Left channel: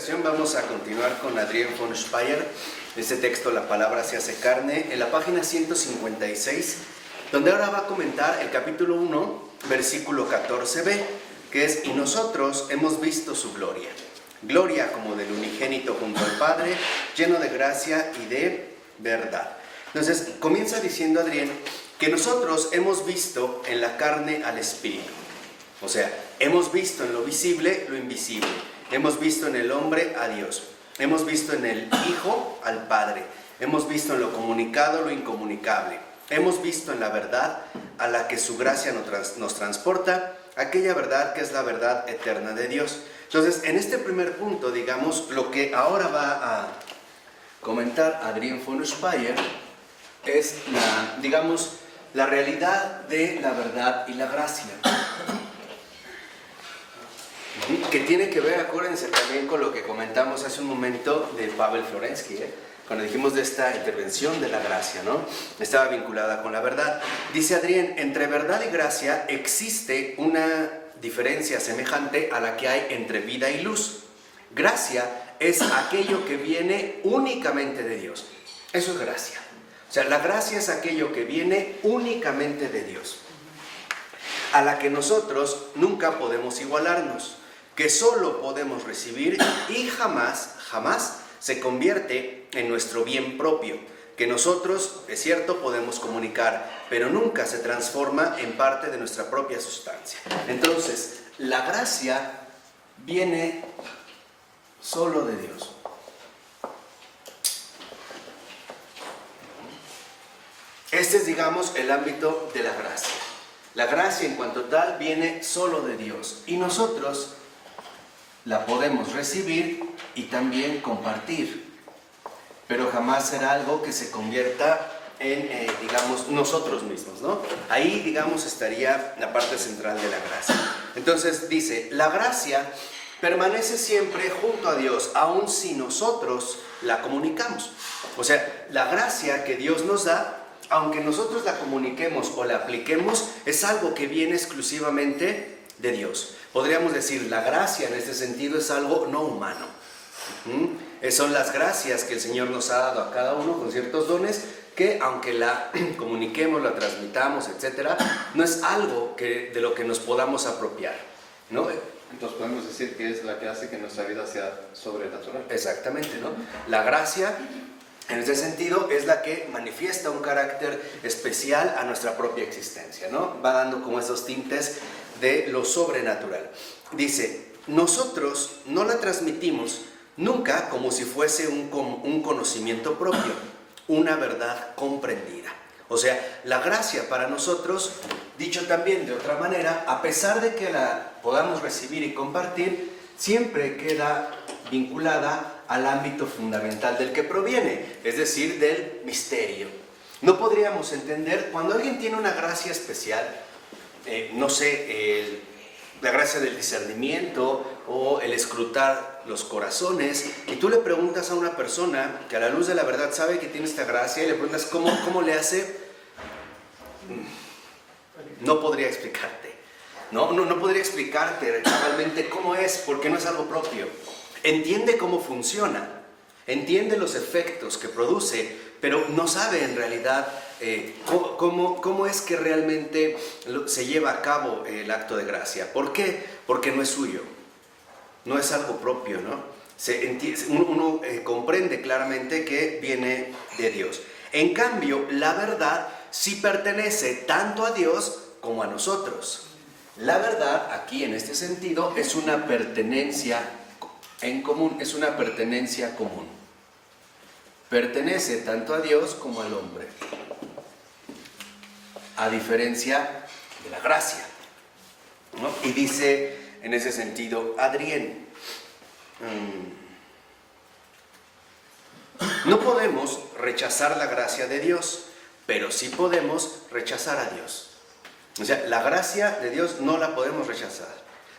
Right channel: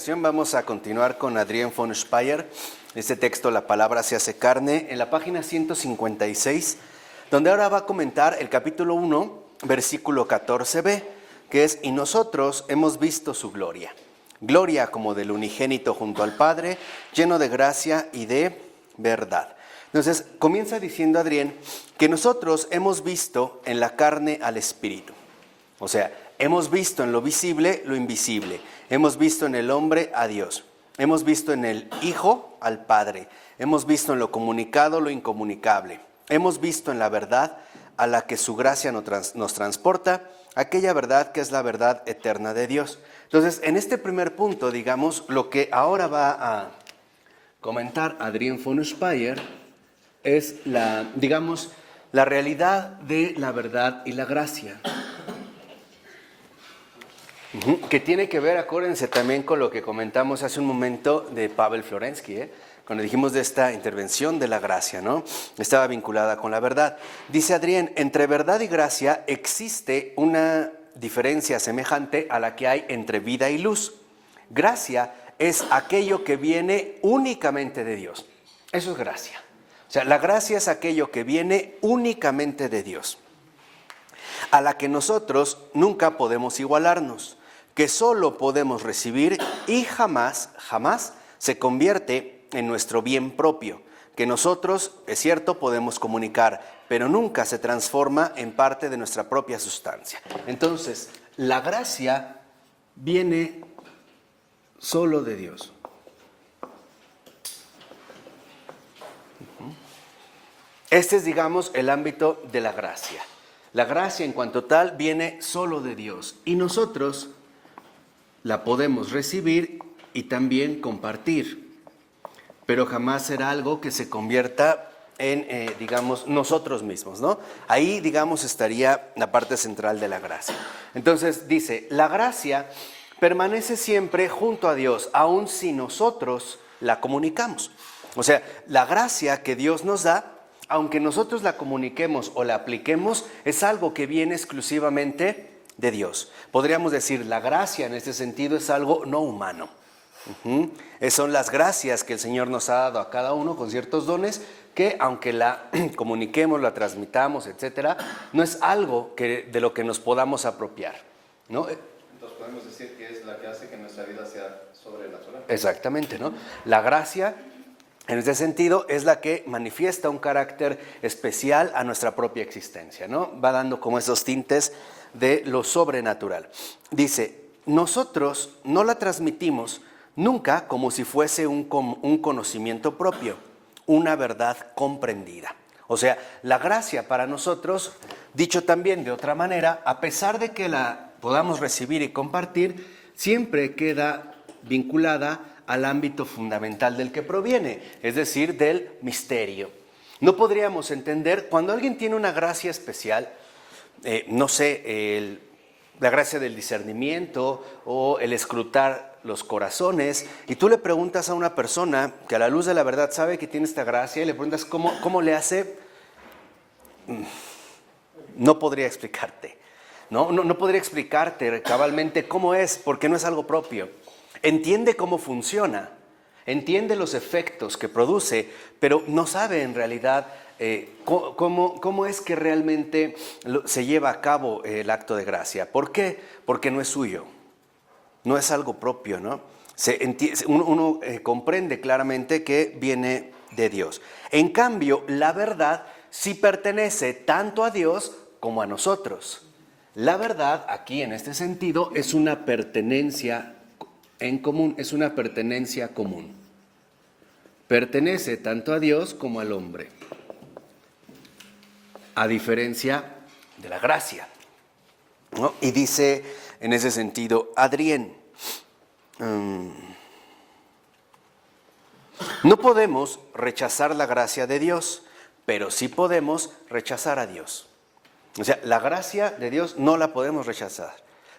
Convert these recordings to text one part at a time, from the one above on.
ocasión vamos a continuar con Adrián von Speyer. Este texto, La palabra se hace carne, en la página 156, donde ahora va a comentar el capítulo 1, versículo 14b, que es: y nosotros hemos visto su gloria. Gloria como del unigénito junto al Padre, lleno de gracia y de verdad. Entonces, comienza diciendo Adrián que nosotros hemos visto en la carne al Espíritu. O sea, hemos visto en lo visible lo invisible. Hemos visto en el hombre a Dios. Hemos visto en el Hijo al Padre. Hemos visto en lo comunicado lo incomunicable. Hemos visto en la verdad a la que su gracia nos transporta, aquella verdad que es la verdad eterna de Dios. Entonces, en este primer punto, digamos, lo que ahora va a comentar Adrián von Speyer es la realidad de la verdad y la gracia. Que tiene que ver, acuérdense, también con lo que comentamos hace un momento de Pavel Florensky, cuando dijimos de esta intervención de la gracia, ¿no? Estaba vinculada con la verdad. Dice Adrián, entre verdad y gracia existe una diferencia semejante a la que hay entre vida y luz. Gracia es aquello que viene únicamente de Dios. Eso es gracia. O sea, la gracia es aquello que viene únicamente de Dios, a la que nosotros nunca podemos igualarnos, que solo podemos recibir y jamás se convierte en nuestro bien propio, que nosotros, es cierto, podemos comunicar, pero nunca se transforma en parte de nuestra propia sustancia. Entonces, la gracia viene solo de Dios. Este es, digamos, el ámbito de la gracia. La gracia en cuanto tal viene solo de Dios y nosotros la podemos recibir y también compartir, pero jamás será algo que se convierta en, digamos, nosotros mismos, ¿no? Ahí, digamos, estaría la parte central de la gracia. Entonces dice, la gracia permanece siempre junto a Dios, aun si nosotros la comunicamos. O sea, la gracia que Dios nos da, aunque nosotros la comuniquemos o la apliquemos, es algo que viene exclusivamente de Dios. Podríamos decir, la gracia en este sentido es algo no humano. Son las gracias que el Señor nos ha dado a cada uno con ciertos dones que, aunque la comuniquemos, la transmitamos, etcétera, no es algo de lo que nos podamos apropiar, ¿no? Entonces podemos decir que es la que hace que nuestra vida sea sobrenatural. Exactamente, ¿no? La gracia, en este sentido, es la que manifiesta un carácter especial a nuestra propia existencia, ¿no? Va dando como esos tintes de lo sobrenatural. Dice, nosotros no la transmitimos nunca como si fuese un conocimiento propio, una verdad comprendida. O sea, la gracia para nosotros, dicho también de otra manera, a pesar de que la podamos recibir y compartir, siempre queda vinculada al ámbito fundamental del que proviene, es decir, del misterio. No podríamos entender, cuando alguien tiene una gracia especial, la gracia del discernimiento o el escrutar los corazones, y tú le preguntas a una persona que a la luz de la verdad sabe que tiene esta gracia y le preguntas cómo le hace, no podría explicarte, no podría explicarte cabalmente cómo es, porque no es algo propio. Entiende cómo funciona, entiende los efectos que produce, pero no sabe en realidad cómo es que realmente se lleva a cabo el acto de gracia. ¿Por qué? Porque no es suyo, no es algo propio, ¿no? Uno comprende claramente que viene de Dios. En cambio, la verdad sí pertenece tanto a Dios como a nosotros. La verdad, aquí en este sentido, es una pertenencia en común, es una pertenencia común. Pertenece tanto a Dios como al hombre, a diferencia de la gracia, ¿no? Y dice en ese sentido Adrián, no podemos rechazar la gracia de Dios, pero sí podemos rechazar a Dios. O sea, la gracia de Dios no la podemos rechazar,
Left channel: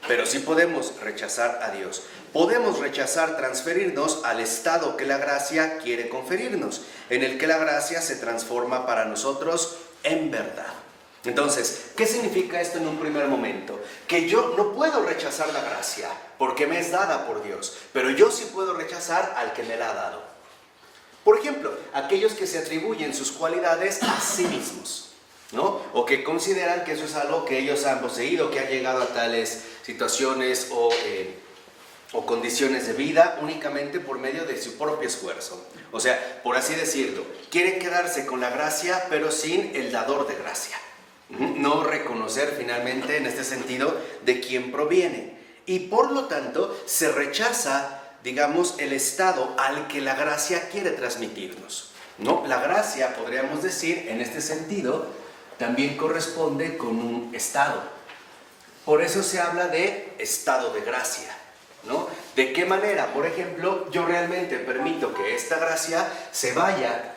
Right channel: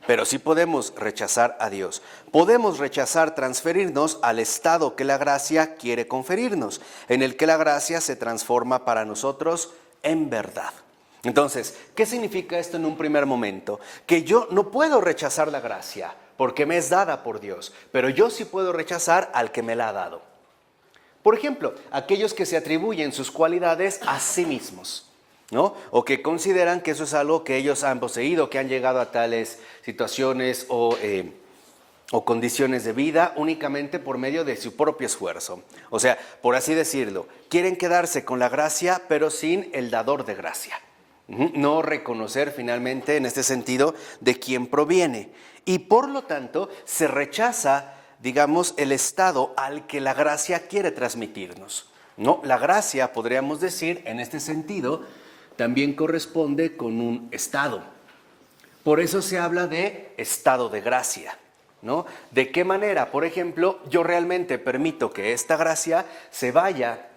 pero sí podemos rechazar a Dios. Podemos rechazar transferirnos al estado que la gracia quiere conferirnos, en el que la gracia se transforma para nosotros en verdad. Entonces, ¿qué significa esto en un primer momento? Que yo no puedo rechazar la gracia, porque me es dada por Dios, pero yo sí puedo rechazar al que me la ha dado. Por ejemplo, aquellos que se atribuyen sus cualidades a sí mismos, ¿no? O que consideran que eso es algo que ellos han poseído, que han llegado a tales situaciones o condiciones de vida únicamente por medio de su propio esfuerzo. O sea, por así decirlo, quieren quedarse con la gracia, pero sin el dador de gracia. No reconocer finalmente, en este sentido, de quién proviene. Y por lo tanto, se rechaza, digamos, el estado al que la gracia quiere transmitirnos, ¿no? La gracia, podríamos decir, en este sentido, también corresponde con un estado. Por eso se habla de estado de gracia, ¿no? ¿De qué manera? Por ejemplo, yo realmente permito que esta gracia se vaya,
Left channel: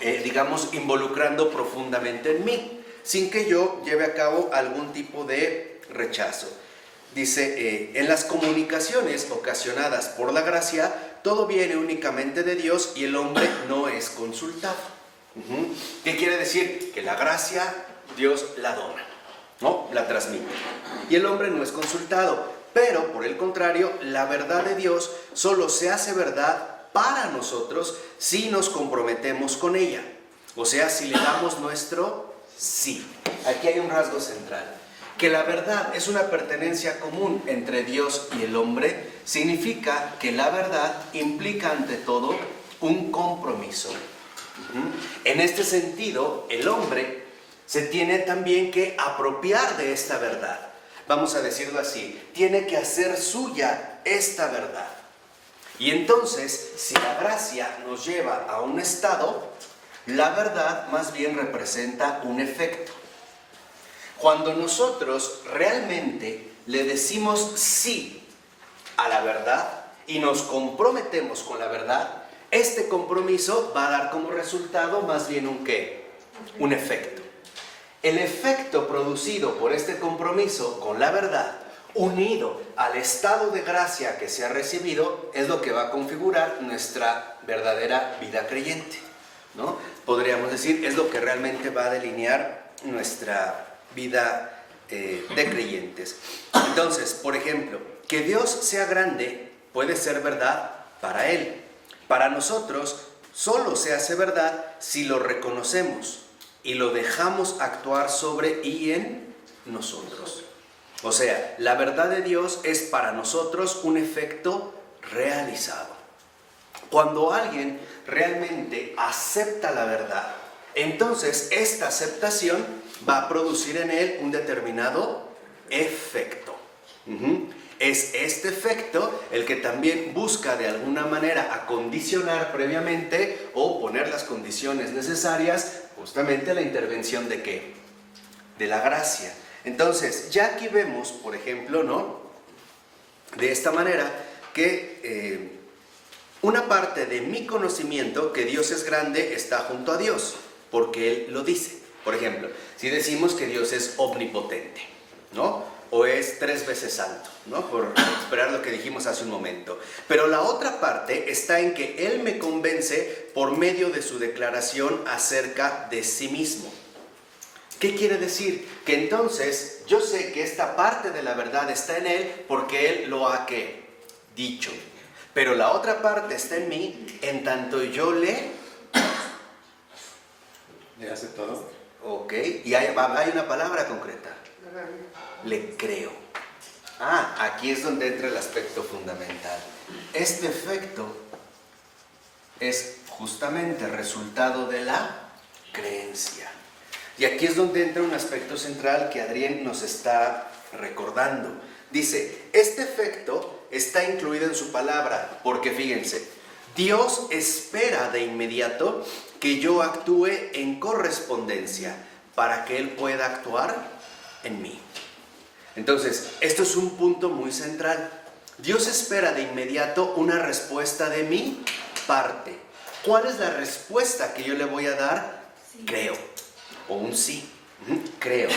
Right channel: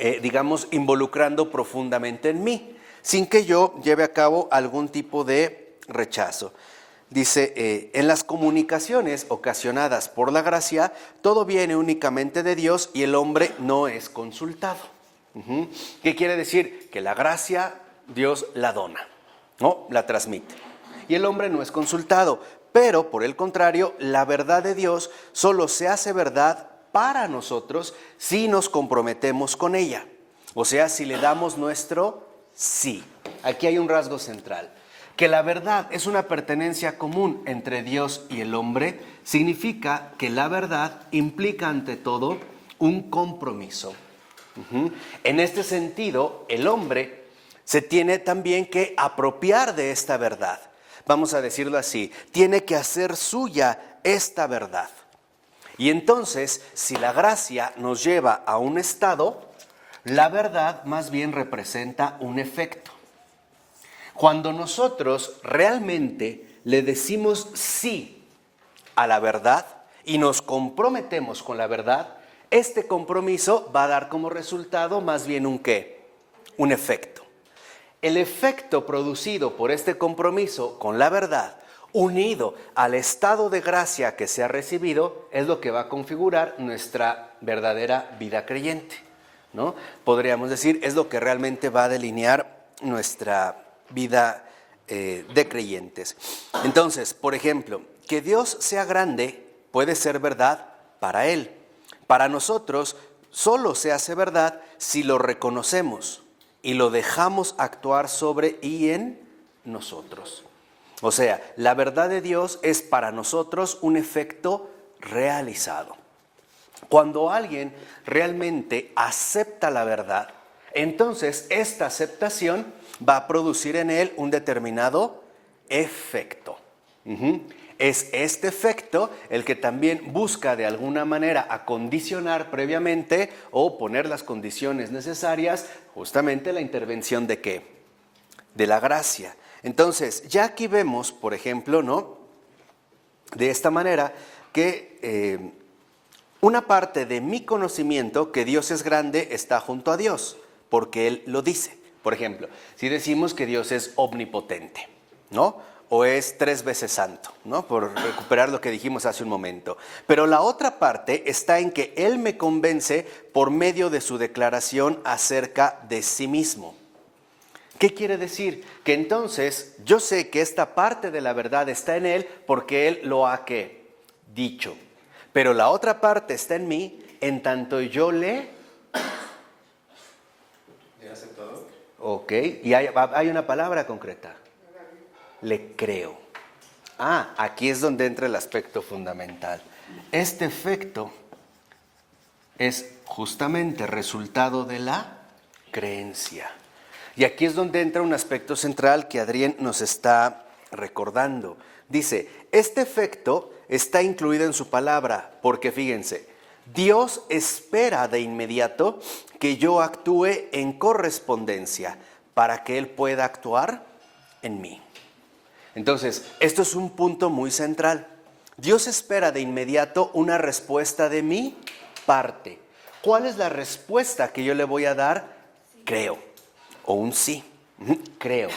digamos, involucrando profundamente en mí, sin que yo lleve a cabo algún tipo de rechazo. Dice, en las comunicaciones ocasionadas por la gracia, todo viene únicamente de Dios y el hombre no es consultado. ¿Qué quiere decir? Que la gracia Dios la dona, ¿no? La transmite. Y el hombre no es consultado. Pero, por el contrario, la verdad de Dios solo se hace verdad para nosotros si nos comprometemos con ella. O sea, si le damos nuestro sí. Aquí hay un rasgo central. Que la verdad es una pertenencia común entre Dios y el hombre, significa que la verdad implica ante todo un compromiso. En este sentido, el hombre se tiene también que apropiar de esta verdad. Vamos a decirlo así, tiene que hacer suya esta verdad. Y entonces, si la gracia nos lleva a un estado, la verdad más bien representa un efecto. Cuando nosotros realmente le decimos sí a la verdad y nos comprometemos con la verdad, este compromiso va a dar como resultado más bien un ¿qué? Un efecto. El efecto producido por este compromiso con la verdad, unido al estado de gracia que se ha recibido, es lo que va a configurar nuestra verdadera vida creyente, ¿no? Podríamos decir, es lo que realmente va a delinear nuestra vida de creyentes. Entonces, por ejemplo, que Dios sea grande puede ser verdad para Él. Para nosotros solo se hace verdad si lo reconocemos y lo dejamos actuar sobre y en nosotros. O sea, la verdad de Dios es para nosotros un efecto realizado. Cuando alguien realmente acepta la verdad, entonces esta aceptación va a producir en él un determinado efecto. Es este efecto el que también busca de alguna manera acondicionar previamente o poner las condiciones necesarias justamente la intervención de ¿qué? De la gracia. Entonces, ya aquí vemos, por ejemplo, ¿no? De esta manera que una parte de mi conocimiento que Dios es grande está junto a Dios, porque Él lo dice. Por ejemplo, si decimos que Dios es omnipotente, ¿no? O es 3 veces santo, ¿no? Por recuperar lo que dijimos hace un momento. Pero la otra parte está en que Él me convence por medio de su declaración acerca de sí mismo. ¿Qué quiere decir? Que entonces yo sé que esta parte de la verdad está en Él porque Él lo ha ¿qué? Dicho. Pero la otra parte está en mí en tanto yo le hace todo. Ok, y hay una palabra concreta. Le creo. Aquí es donde entra el aspecto fundamental. Este efecto es justamente resultado de la creencia. Y aquí es donde entra un aspecto central que Adrián nos está recordando. Dice, este efecto está incluido en su palabra, porque fíjense, Dios espera de inmediato que yo actúe en correspondencia para que Él pueda actuar en mí. Entonces, esto es un punto muy central. Dios espera de inmediato una respuesta de mi parte. ¿Cuál es la respuesta que yo le voy a dar? Sí. Creo. O un sí. Creo.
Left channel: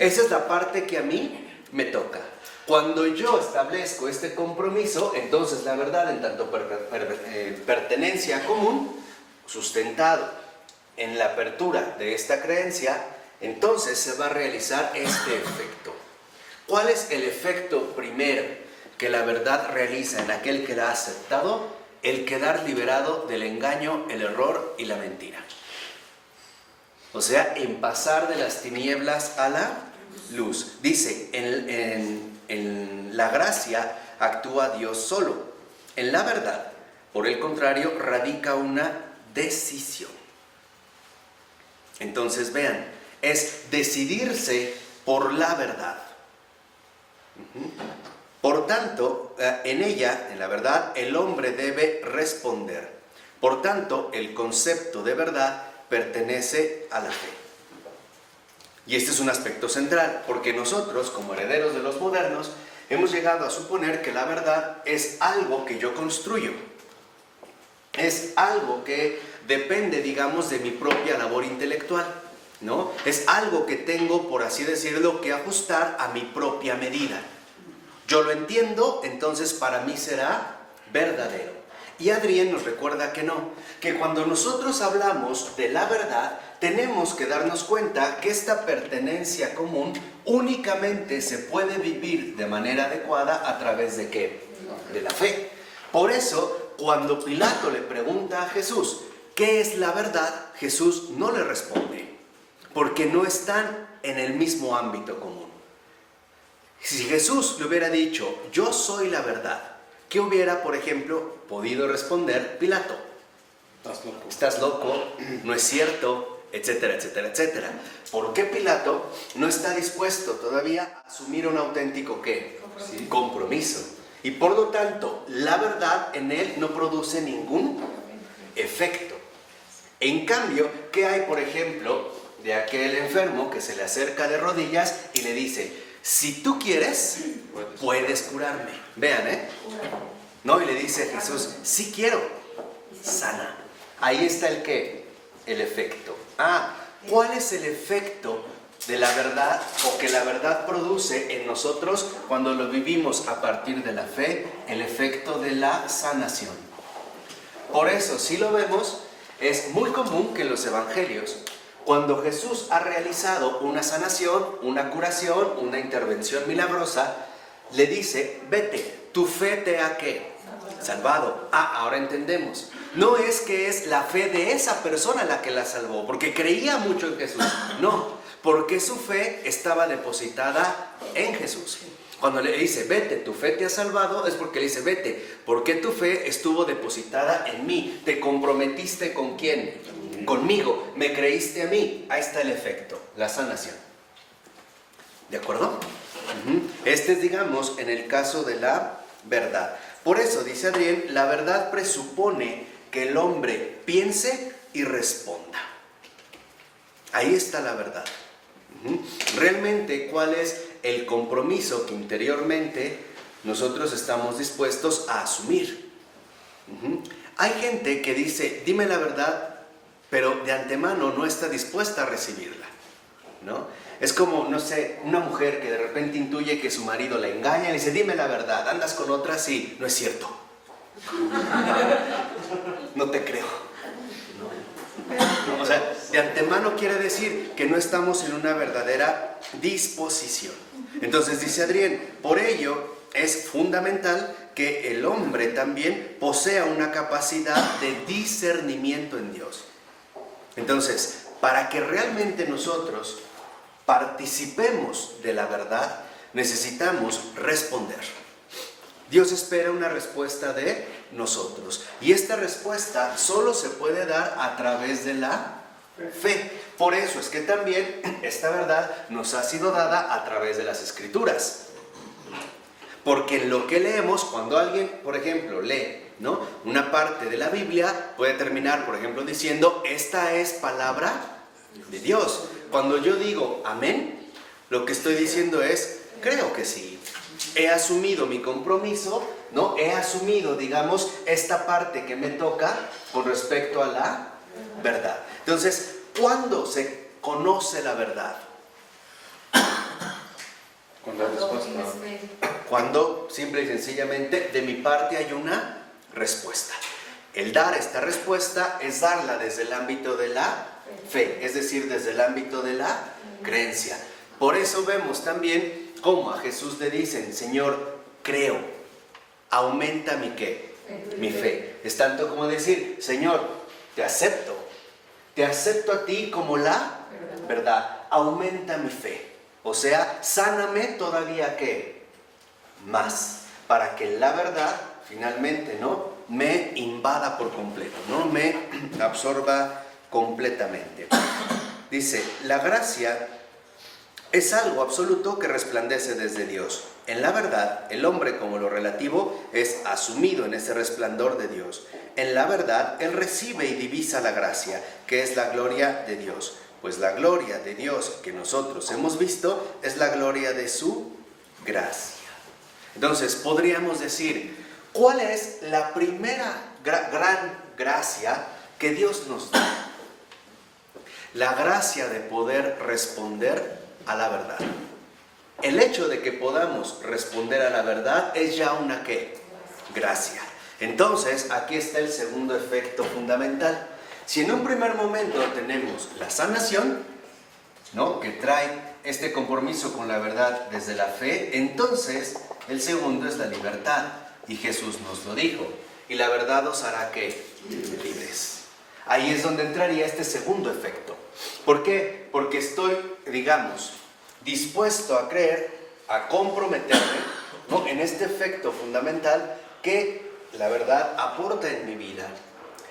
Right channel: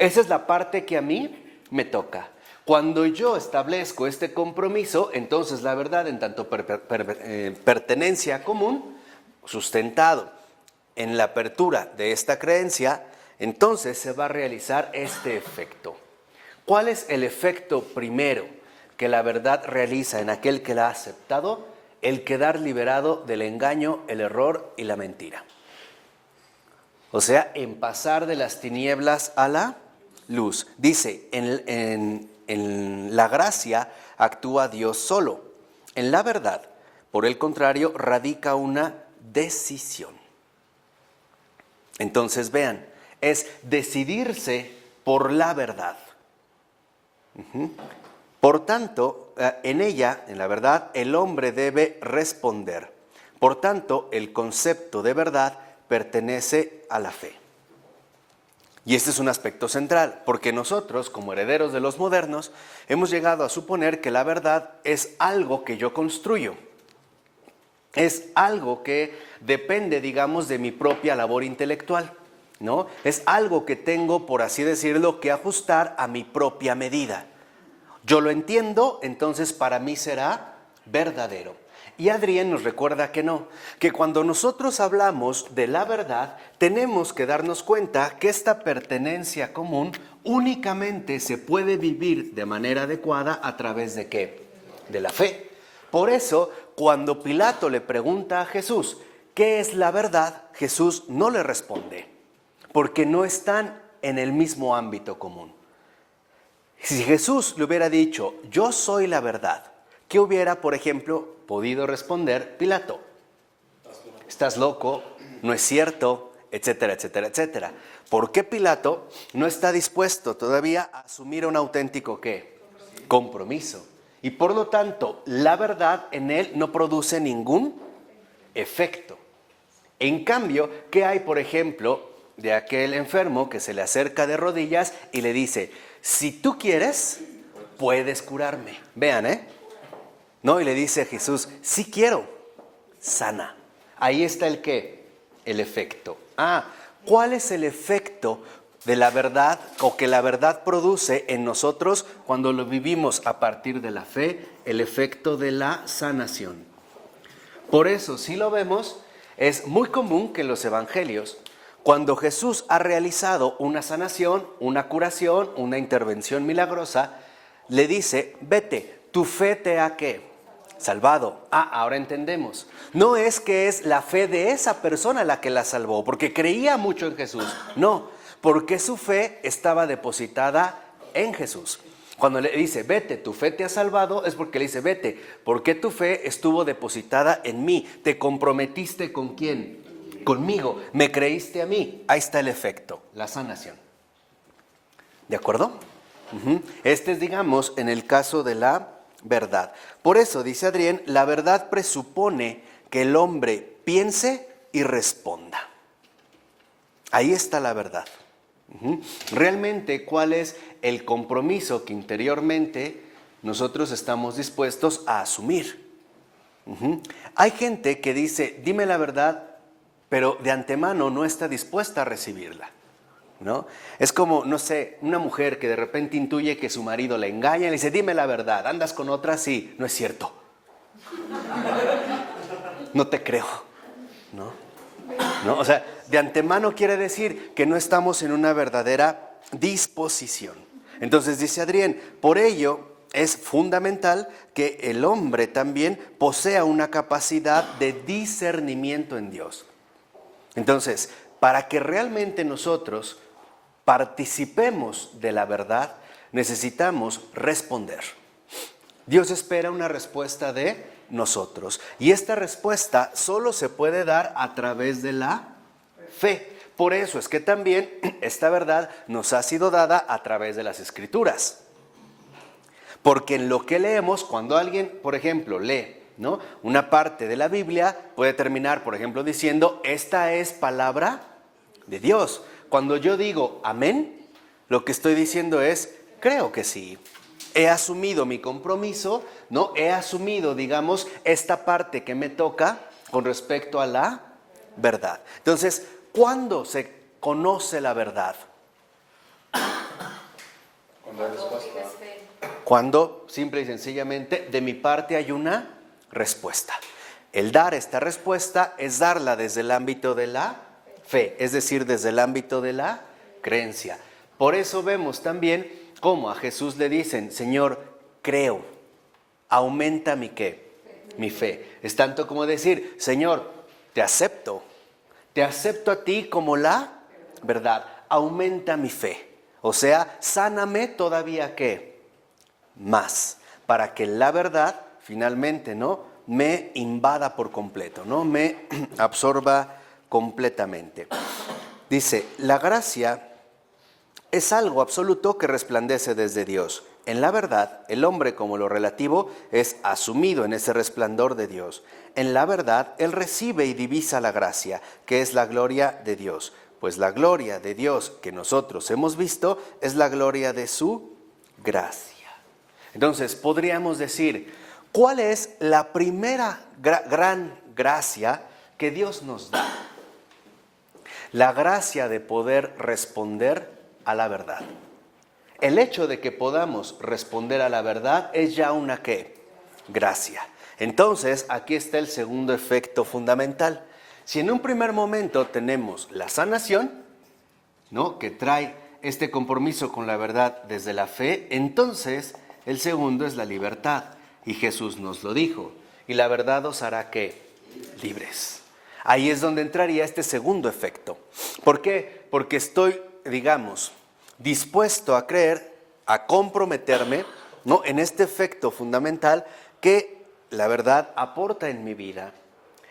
Esa es la parte que a mí me toca. Cuando yo establezco este compromiso, entonces la verdad, en tanto pertenencia común, sustentado en la apertura de esta creencia, entonces se va a realizar este efecto. ¿Cuál es el efecto primero? que la verdad realiza en aquel que la ha aceptado el quedar liberado del engaño, el error y la mentira. O sea, en pasar de las tinieblas a la luz. Dice, en la gracia actúa Dios solo. En la verdad, por el contrario, radica una decisión. Entonces vean, es decidirse por la verdad. Por tanto, en ella, en la verdad, el hombre debe responder. Por tanto, el concepto de verdad pertenece a la fe. Y este es un aspecto central, porque nosotros, como herederos de los modernos, hemos llegado a suponer que la verdad es algo que yo construyo. Es algo que depende, digamos, de mi propia labor intelectual, ¿no? Es algo que tengo, por así decirlo, que ajustar a mi propia medida. Yo lo entiendo, entonces para mí será verdadero. Y Adrián nos recuerda que no, que cuando nosotros hablamos de la verdad, tenemos que darnos cuenta que esta pertenencia común únicamente se puede vivir de manera adecuada a través de ¿qué? De la fe. Por eso, cuando Pilato le pregunta a Jesús, ¿qué es la verdad? Jesús no le responde, porque no están en el mismo ámbito común. Si Jesús le hubiera dicho, yo soy la verdad, ¿qué hubiera, por ejemplo, podido responder Pilato? Estás loco, no es cierto, etcétera, etcétera, etcétera. ¿Por qué Pilato no está dispuesto todavía a asumir un auténtico ¿qué? Compromiso. Y por lo tanto, la verdad en él no produce ningún efecto. En cambio, ¿qué hay, por ejemplo, de aquel enfermo que se le acerca de rodillas y le dice, si tú quieres, puedes curarme? Vean, ¿no? Y le dice a Jesús, sí quiero, sana. Ahí está el ¿qué? El efecto. ¿Cuál es el efecto de la verdad o que la verdad produce en nosotros cuando lo vivimos a partir de la fe? El efecto de la sanación. Por eso, si lo vemos, es muy común que en los evangelios, cuando Jesús ha realizado una sanación, una curación, una intervención milagrosa, le dice, vete, tu fe te ha ¿qué? Salvado. Ahora entendemos. No es que es la fe de esa persona la que la salvó, porque creía mucho en Jesús. No, porque su fe estaba depositada en Jesús. Cuando le dice, vete, tu fe te ha salvado, es porque le dice, vete, porque tu fe estuvo depositada en mí. ¿Te comprometiste con quién? Conmigo. ¿Me creíste a mí? Ahí está el efecto, la sanación. ¿De acuerdo? Este es, digamos, en el caso de la verdad. Por eso, dice Adrián, la verdad presupone que el hombre piense y responda. Ahí está la verdad. Realmente, ¿cuál es el compromiso que interiormente nosotros estamos dispuestos a asumir? Hay gente que dice, dime la verdad, pero de antemano no está dispuesta a recibirla, ¿no? Es como, no sé, una mujer que de repente intuye que su marido le engaña y le dice, dime la verdad, ¿andas con otra? Sí, no es cierto. No te creo, ¿no? O sea, de antemano quiere decir que no estamos en una verdadera disposición. Entonces dice Adrián, por ello es fundamental que el hombre también posea una capacidad de discernimiento en Dios. Entonces, para que realmente nosotros participemos de la verdad, necesitamos responder. Dios espera una respuesta de nosotros. Y esta respuesta solo se puede dar a través de la fe. Por eso es que también esta verdad nos ha sido dada a través de las Escrituras. Porque en lo que leemos, cuando alguien, por ejemplo, lee, ¿no?, una parte de la Biblia, puede terminar, por ejemplo, diciendo, esta es palabra de Dios. Cuando yo digo amén, lo que estoy diciendo es, creo que sí. He asumido mi compromiso, ¿no? He asumido, digamos, esta parte que me toca con respecto a la verdad. Entonces, ¿cuándo se conoce la verdad? Con la respuesta. Cuando, simple y sencillamente, de mi parte hay una respuesta. El dar esta respuesta es darla desde el ámbito de la fe, es decir, desde el ámbito de la creencia. Por eso vemos también cómo a Jesús le dicen, Señor, creo. aumenta mi ¿qué? Mi fe. Es tanto como decir, Señor, te acepto a ti como la verdad, aumenta mi fe. O sea, sáname todavía ¿qué? Más, para que la verdad finalmente, ¿no?, me invada por completo, ¿no?, me absorba completamente. Dice, la gracia es algo absoluto que resplandece desde Dios. En la verdad, el hombre, como lo relativo, es asumido en ese resplandor de Dios. En la verdad, él recibe y divisa la gracia, que es la gloria de Dios. Pues la gloria de Dios que nosotros hemos visto es la gloria de su gracia. Entonces, podríamos decir, ¿cuál es la primera gran gracia que Dios nos da? La gracia de poder responder a la verdad. El hecho de que podamos responder a la verdad es ya una ¿qué? Gracia. Entonces, aquí está el segundo efecto fundamental. Si en un primer momento tenemos la sanación, ¿no?, que trae este compromiso con la verdad desde la fe, entonces el segundo es la libertad. Y Jesús nos lo dijo. Y la verdad os hará ¿qué? Libres. Ahí es donde entraría este segundo efecto. ¿Por qué? Porque estoy, digamos, dispuesto a creer, a comprometerme, ¿no?, en este efecto fundamental que la verdad aporta en mi vida,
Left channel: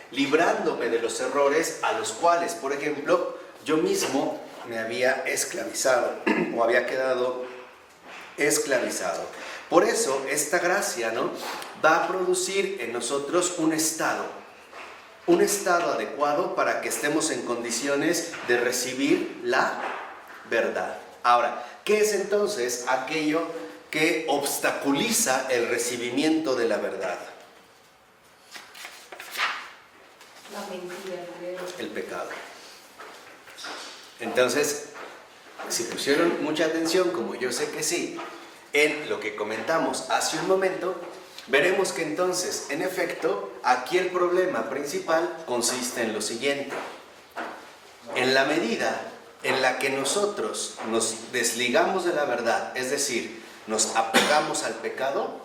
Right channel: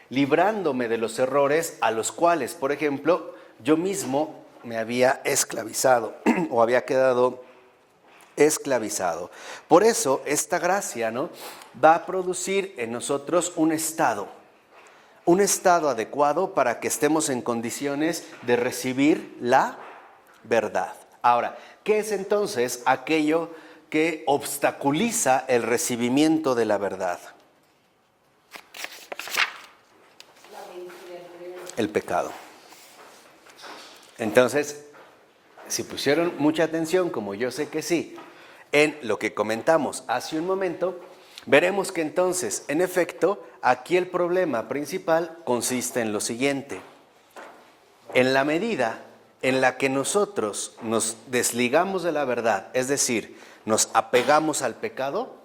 librándome de los errores a los cuales, por ejemplo, yo mismo me había esclavizado o había quedado esclavizado. Por eso esta gracia, ¿no?, va a producir en nosotros un estado adecuado para que estemos en condiciones de recibir la verdad. Ahora, ¿qué es entonces aquello que obstaculiza el recibimiento de la verdad? El pecado. Entonces, si pusieron mucha atención, como yo sé que sí, en lo que comentamos hace un momento, veremos que entonces, en efecto, aquí el problema principal consiste en lo siguiente. En la medida en la que nosotros nos desligamos de la verdad, es decir, nos apegamos al pecado,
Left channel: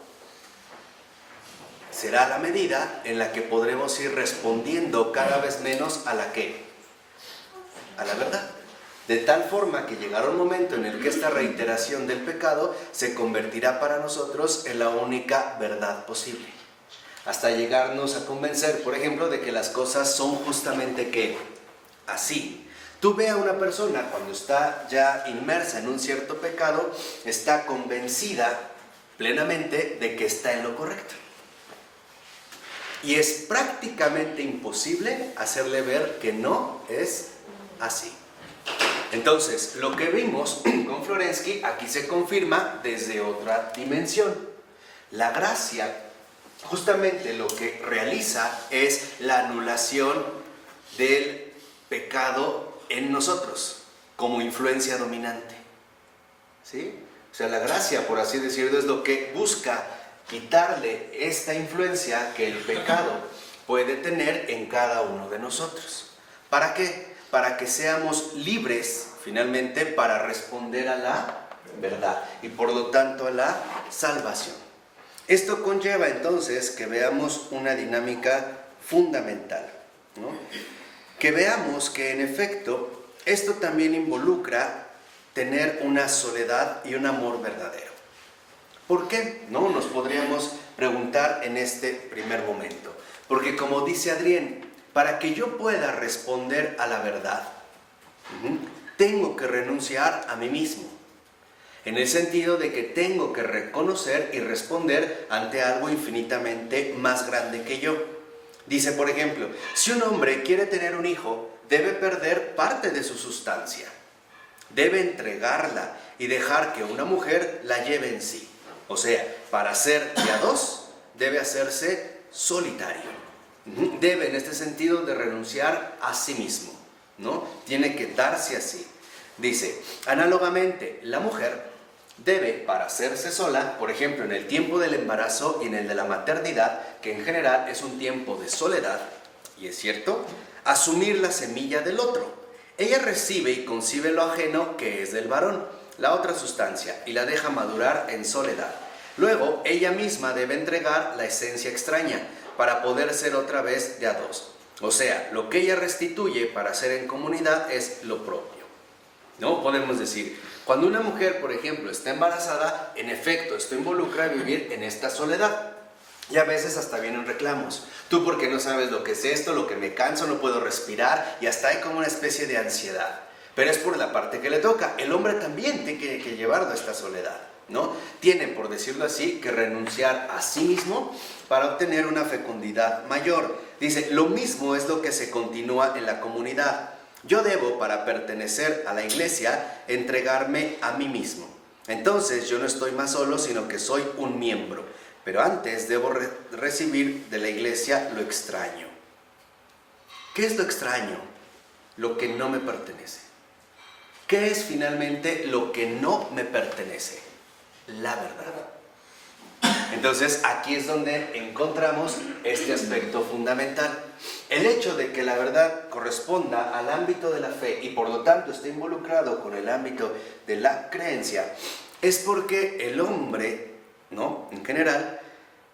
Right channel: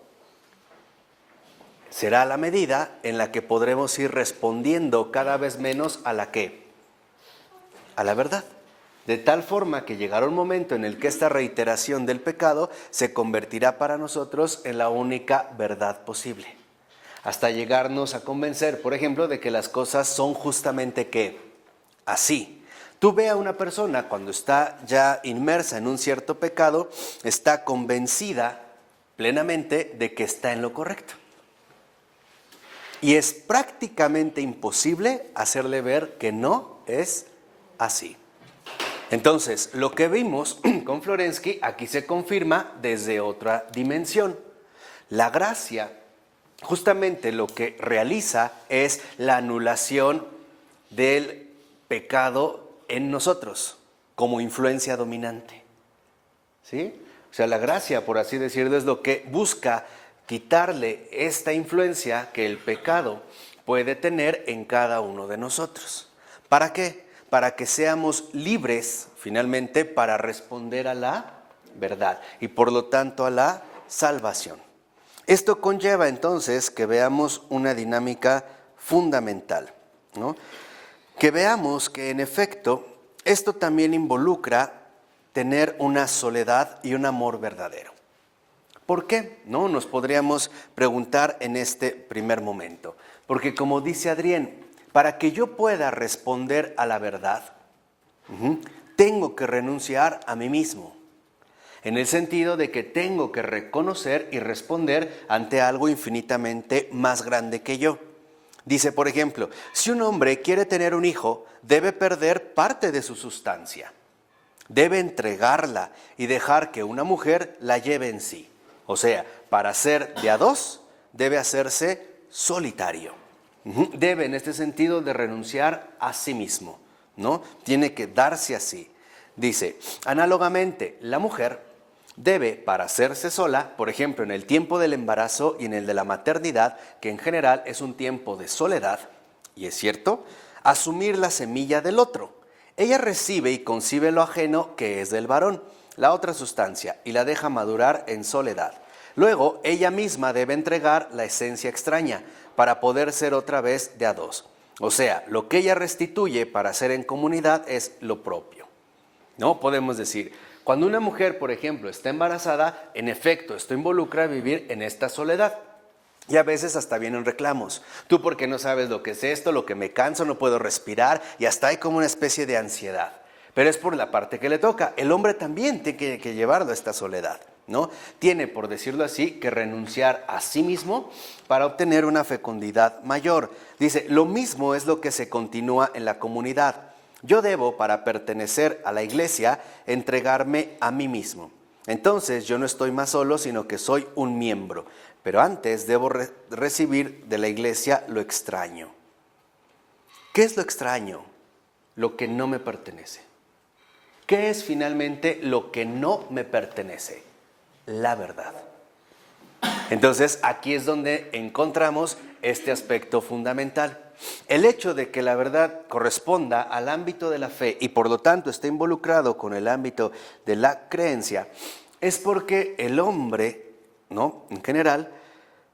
será la medida en la que podremos ir respondiendo cada vez menos a la ¿qué? A la verdad. De tal forma que llegará un momento en el que esta reiteración del pecado se convertirá para nosotros en la única verdad posible. Hasta llegarnos a convencer, por ejemplo, de que las cosas son justamente ¿qué? Así. Tú ve a una persona cuando está ya inmersa en un cierto pecado, está convencida plenamente de que está en lo correcto. Y es prácticamente imposible hacerle ver que no es así. Entonces, lo que vimos con Florensky aquí se confirma desde otra dimensión. La gracia, justamente lo que realiza es la anulación del pecado en nosotros como influencia dominante. ¿Sí? O sea, la gracia, por así decirlo, es lo que busca quitarle esta influencia que el pecado puede tener en cada uno de nosotros. ¿Para qué? Para que seamos libres, finalmente, para responder a la verdad y por lo tanto a la salvación. Esto conlleva entonces que veamos una dinámica fundamental, ¿no? Que veamos que en efecto esto también involucra tener una soledad y un amor verdadero. ¿Por qué? ¿No? Nos podríamos preguntar en este primer momento. Porque como dice Adrián, para que yo pueda responder a la verdad, tengo que renunciar a mí mismo. En el sentido de que tengo que reconocer y responder ante algo infinitamente más grande que yo. Dice, por ejemplo, si un hombre quiere tener un hijo, debe perder parte de su sustancia. Debe entregarla y dejar que una mujer la lleve en sí. O sea, para ser de a dos, debe hacerse solitario. Debe, en este sentido, de renunciar a sí mismo, ¿no? Tiene que darse así. Dice, análogamente, la mujer debe, para hacerse sola, por ejemplo, en el tiempo del embarazo y en el de la maternidad, que en general es un tiempo de soledad, y es cierto, asumir la semilla del otro. Ella recibe y concibe lo ajeno que es del varón, la otra sustancia, y la deja madurar en soledad. Luego, ella misma debe entregar la esencia extraña para poder ser otra vez de a dos. O sea, lo que ella restituye para ser en comunidad es lo propio. ¿No? Podemos decir, cuando una mujer, por ejemplo, está embarazada, en efecto, esto involucra a vivir en esta soledad. Y a veces hasta vienen reclamos. Tú porque no sabes lo que es esto, lo que me canso, no puedo respirar, y hasta hay como una especie de ansiedad. Pero es por la parte que le toca. El hombre también tiene que llevarlo a esta soledad, ¿no? Tiene, por decirlo así, que renunciar a sí mismo para obtener una fecundidad mayor. Dice, lo mismo es lo que se continúa en la comunidad. Yo debo, para pertenecer a la iglesia, entregarme a mí mismo. Entonces yo no estoy más solo, sino que soy un miembro. Pero antes debo recibir de la iglesia lo extraño. ¿Qué es lo extraño? Lo que no me pertenece. ¿Qué es finalmente lo que no me pertenece? La verdad. Entonces aquí es donde encontramos este aspecto fundamental. El hecho de que la verdad corresponda al ámbito de la fe y por lo tanto esté involucrado con el ámbito de la creencia es porque el hombre, ¿no?, en general,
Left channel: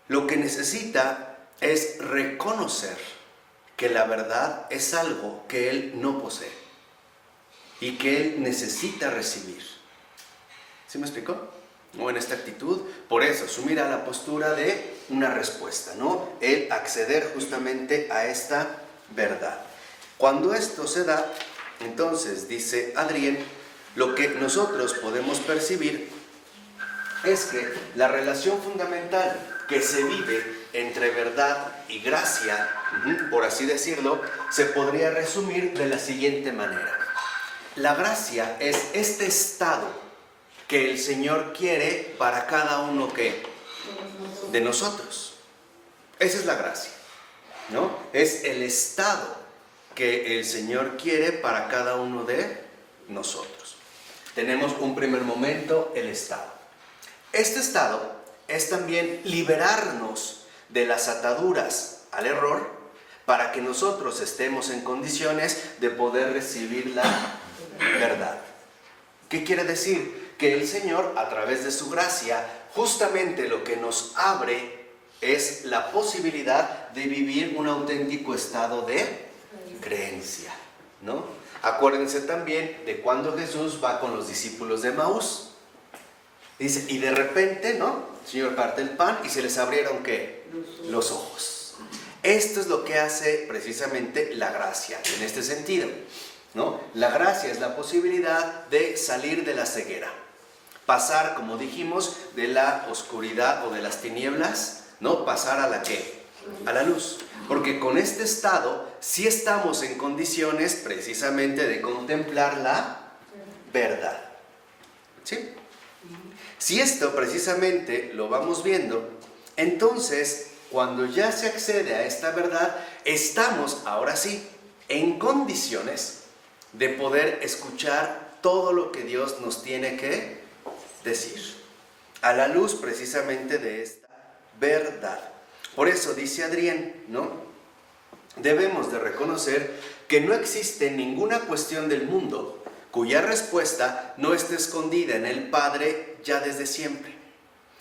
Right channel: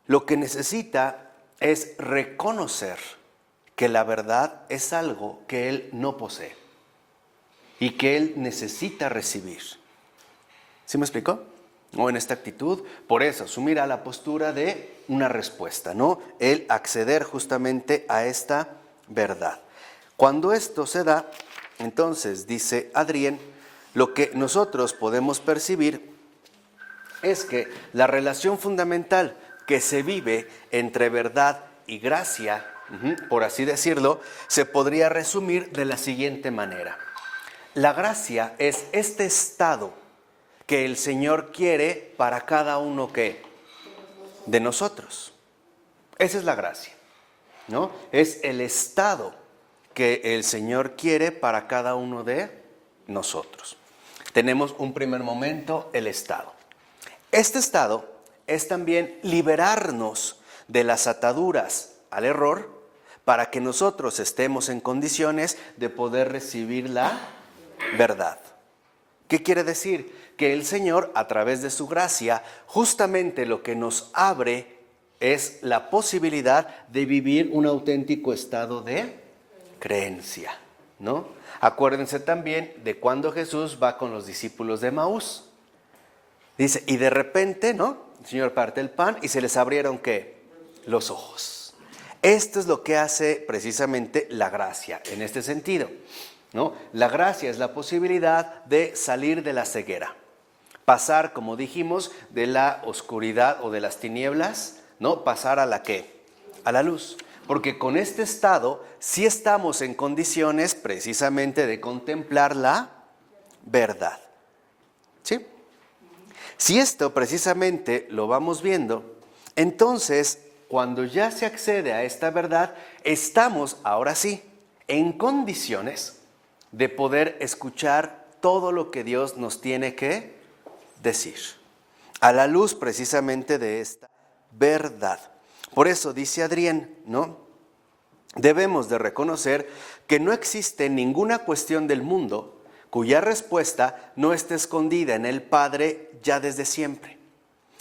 lo que necesita es reconocer que la verdad es algo que él no posee y que él necesita recibir. ¿Sí me explicó? ¿No? En esta actitud, por eso, asumir a la postura de una respuesta, ¿no? El acceder justamente a esta verdad. Cuando esto se da, entonces, dice Adrien, lo que nosotros podemos percibir es que la relación fundamental que se vive entre verdad y gracia, por así decirlo, se podría resumir de la siguiente manera. La gracia es este estado que el Señor quiere para cada uno de nosotros. Esa es la gracia, ¿no? Es el estado que el Señor quiere para cada uno de nosotros. Tenemos un primer momento, el estado. Este estado es también liberarnos de las ataduras al error para que nosotros estemos en condiciones de poder recibir la verdad. ¿Qué quiere decir? Que el Señor, a través de su gracia, justamente lo que nos abre es la posibilidad de vivir un auténtico estado de creencia, ¿no? Acuérdense también de cuando Jesús va con los discípulos de Emaús. Dice, y de repente, ¿no?, el Señor parte el pan y se les abrieron, ¿qué? Los ojos. Esto es lo que hace precisamente la gracia, en este sentido, ¿no? La gracia es la posibilidad de salir de la ceguera. Pasar, como dijimos, de la oscuridad o de las tinieblas, ¿no? Pasar a la ¿qué? A la luz. Porque con este estado sí estamos en condiciones precisamente de contemplar la verdad. ¿Sí? Si esto precisamente lo vamos viendo, entonces cuando ya se accede a esta verdad, estamos ahora sí en condiciones de poder escuchar todo lo que Dios nos tiene que decir, a la luz precisamente de esta verdad. Por eso dice Adrien, ¿no? Debemos de reconocer que no existe ninguna cuestión del mundo cuya respuesta no esté escondida en el Padre ya desde siempre.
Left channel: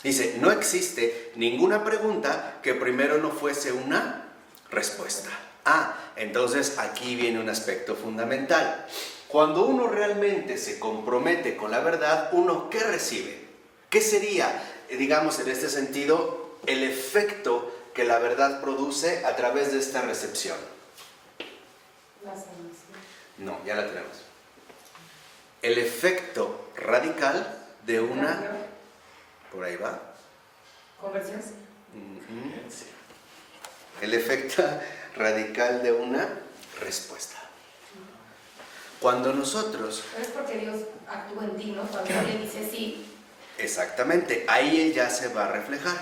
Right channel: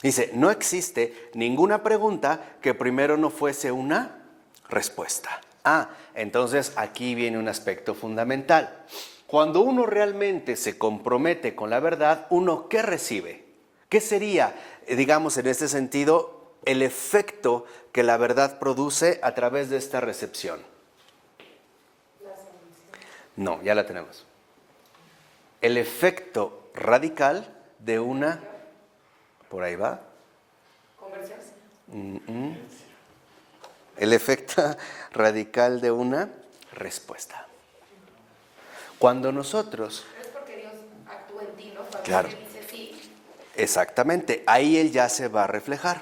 Dice, no existe ninguna pregunta que primero no fuese una respuesta. Entonces aquí viene un aspecto fundamental. Cuando uno realmente se compromete con la verdad, ¿uno qué recibe? ¿Qué sería, digamos en este sentido, el efecto que la verdad produce a través de esta recepción? No, ya la tenemos. El efecto radical de una... ¿Por ahí va? ¿Conversión? El efecto radical de una respuesta. Cuando nosotros... Pero es porque Dios actúa en ti, ¿no? Cuando Claro. Él dice sí. Exactamente, ahí Él ya se va a reflejar,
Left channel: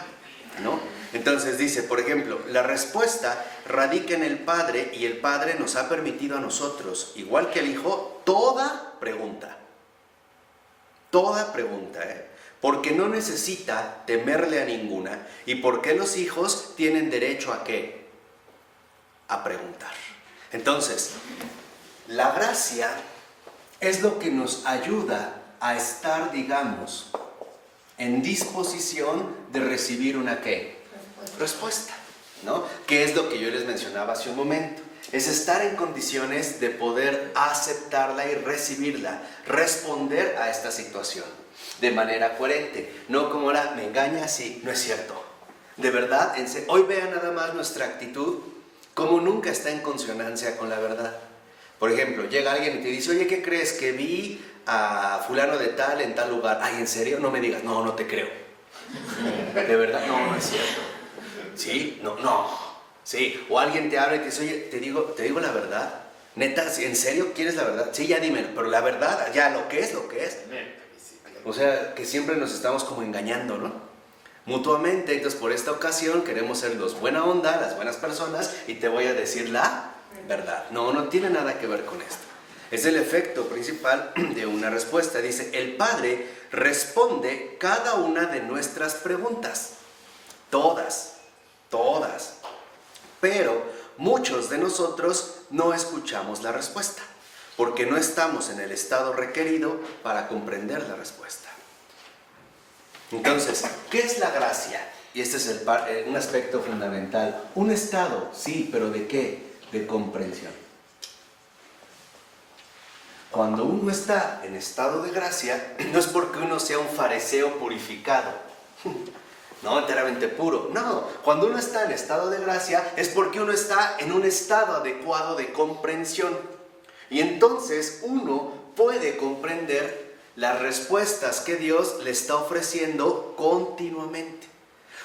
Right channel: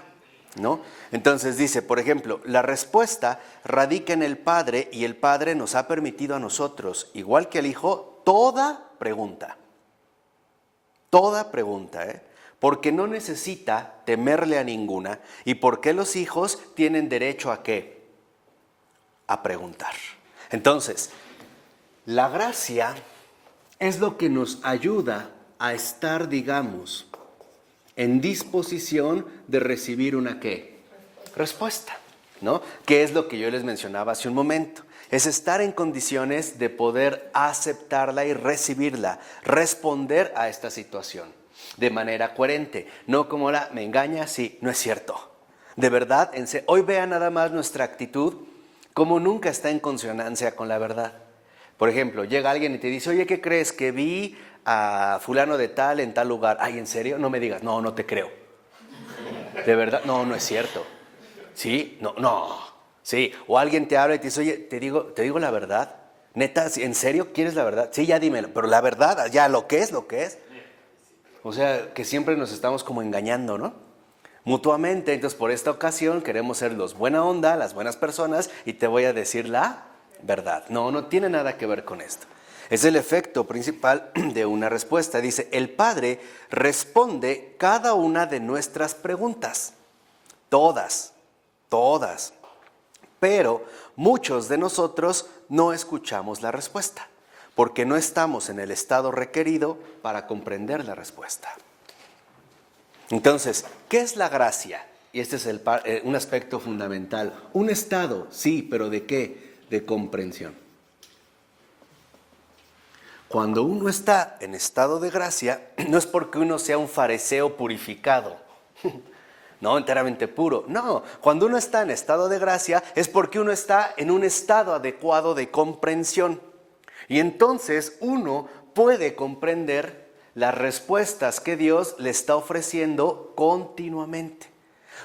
¿no? Entonces dice, por ejemplo, la respuesta radica en el Padre y el Padre nos ha permitido a nosotros, igual que al Hijo, toda pregunta. Toda pregunta, porque no necesita temerle a ninguna y porque los hijos tienen derecho a ¿qué? A preguntar. Entonces, la gracia es lo que nos ayuda a estar, digamos, en disposición de recibir una ¿qué? Respuesta, ¿no? Que es lo que yo les mencionaba hace un momento. Es estar en condiciones de poder aceptarla y recibirla, responder a esta situación de manera coherente, no como me engaña, sí, no es cierto. De verdad, hoy vean nada más nuestra actitud, como nunca está en consonancia con la verdad. Por ejemplo, llega alguien y te dice, oye, ¿qué crees? Que vi a fulano de tal en tal lugar. Ay, ¿en serio? No me digas, no, no te creo. De verdad, no, no es cierto. ¿Sí? No. Sí, o alguien te habla y te dice, oye, te digo la verdad. Neta, ¿en serio quieres la verdad? Sí, ya dímelo, pero la verdad, ya lo que es. O sea, que siempre nos estamos como engañando, ¿no? Mutuamente. Entonces, por esta ocasión queremos ser los buena onda, las buenas personas, y te voy a decir la verdad. No tiene nada que ver con esto. Es el efecto principal de una respuesta. Dice, el Padre responde cada una de nuestras preguntas. Todas. Pero muchos de nosotros no escuchamos la respuesta, porque no estamos en el estado requerido para comprender la respuesta. Entonces, ¿qué es la gracia? Y este es un aspecto fundamental. Un estado, sí, pero ¿de qué? De comprensión. Cuando uno está en estado de gracia, no es porque uno sea un fariseo purificado, no, enteramente puro. No, cuando uno está en estado de gracia es porque uno está en un estado adecuado de comprensión. Y entonces uno puede comprender las respuestas que Dios le está ofreciendo continuamente.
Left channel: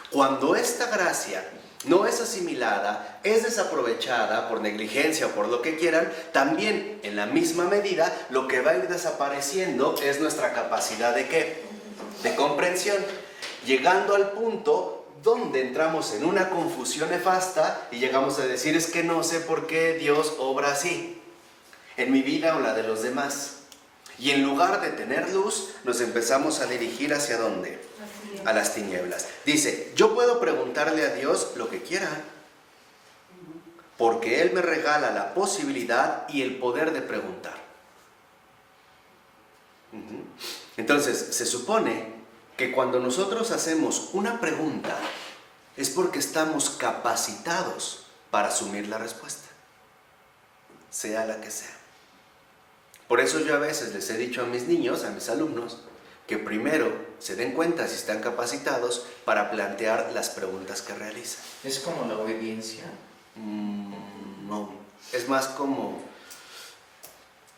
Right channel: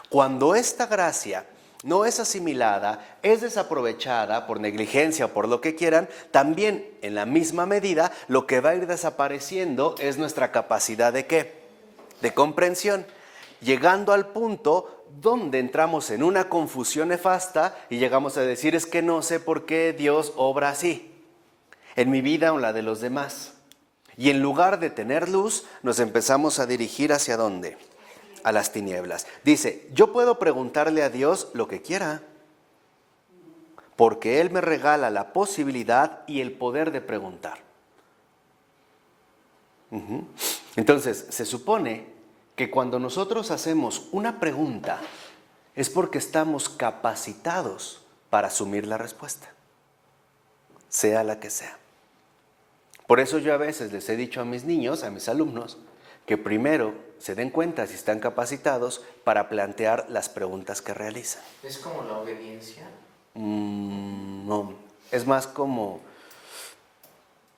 Cuando esta gracia no es asimilada, es desaprovechada por negligencia o por lo que quieran, también en la misma medida lo que va a ir desapareciendo es nuestra capacidad de ¿qué? De comprensión, llegando al punto donde entramos en una confusión nefasta y llegamos a decir, es que no sé por qué Dios obra así en mi vida o la de los demás. Y en lugar de tener luz, nos empezamos a dirigir ¿hacia dónde? A las tinieblas. Dice, yo puedo preguntarle a Dios lo que quiera, porque Él me regala la posibilidad y el poder de preguntar. Entonces, se supone que cuando nosotros hacemos una pregunta, es porque estamos capacitados para asumir la respuesta, sea la que sea. Por eso yo a veces les he dicho a mis niños, a mis alumnos, que primero se den cuenta si están capacitados para plantear las preguntas que realizan. ¿Es como la obediencia? No, es más como...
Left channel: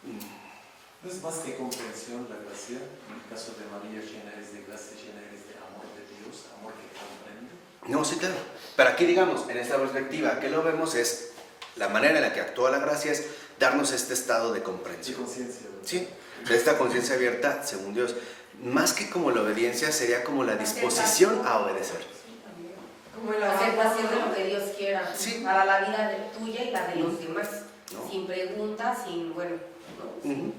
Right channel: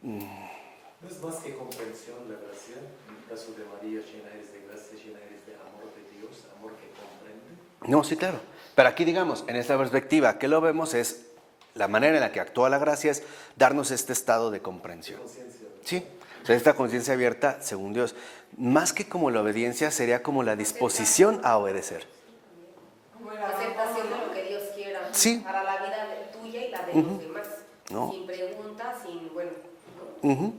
No es más que comprensión la gracia. En el caso de María, llena eres de gracia, llena eres de amor de Dios, amor que comprende. No, sí, claro. Pero aquí, digamos, en esta perspectiva, que lo vemos es, la manera en la que actúa la gracia es darnos este estado de comprensión. De conciencia, ¿verdad? Sí, esta conciencia abierta según Dios. Más que como la obediencia, sería como la disposición a obedecer. Como el aceptación de lo que Dios quiera. Sí. Para la vida tuya y la de los demás. No. Sin preguntas, sin,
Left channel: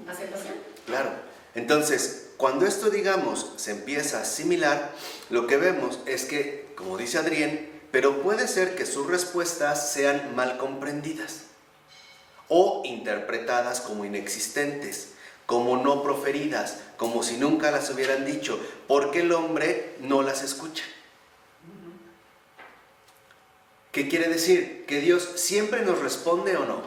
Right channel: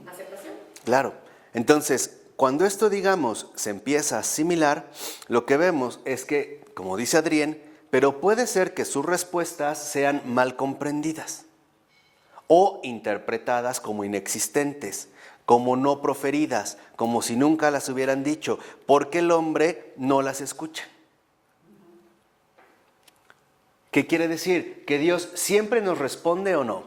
aceptación. Claro. Entonces, cuando esto, digamos, se empieza a asimilar, lo que vemos es que, como dice Adrián, pero puede ser que sus respuestas sean mal comprendidas o interpretadas como inexistentes, como no proferidas, como si nunca las hubieran dicho, porque el hombre no las escucha. ¿Qué quiere decir? ¿Que Dios siempre nos responde o no?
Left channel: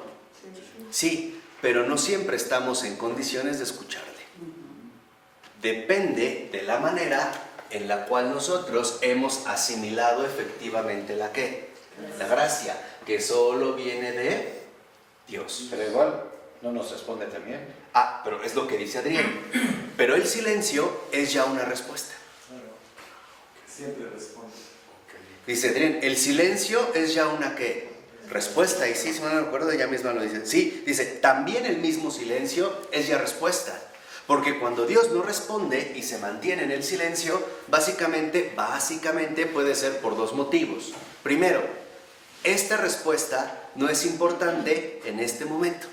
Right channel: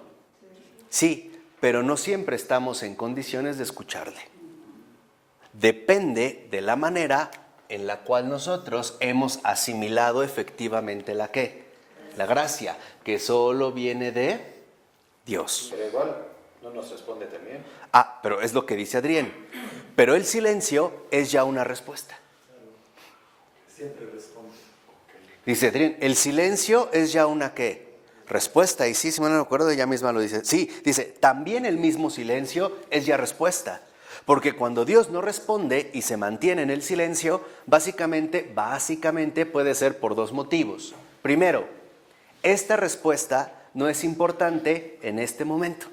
Sí, pero no siempre estamos en condiciones de escucharle. Depende de la manera en la cual nosotros hemos asimilado efectivamente la gracia, que solo viene de Dios. Pero igual no nos responde también. Pero es lo que dice Adrián. Pero el silencio es ya una respuesta. Claro, siempre responde. Dice Adrián, el silencio es ya una ¿qué? Respuesta. Y sí, si me acuerdo, ella misma lo dice. Sí, dice, también el mismo silencio es ya respuesta. Porque cuando Dios no responde y se mantiene en el silencio, básicamente puede ser por dos motivos. Primero, esta respuesta no es importante en este momento.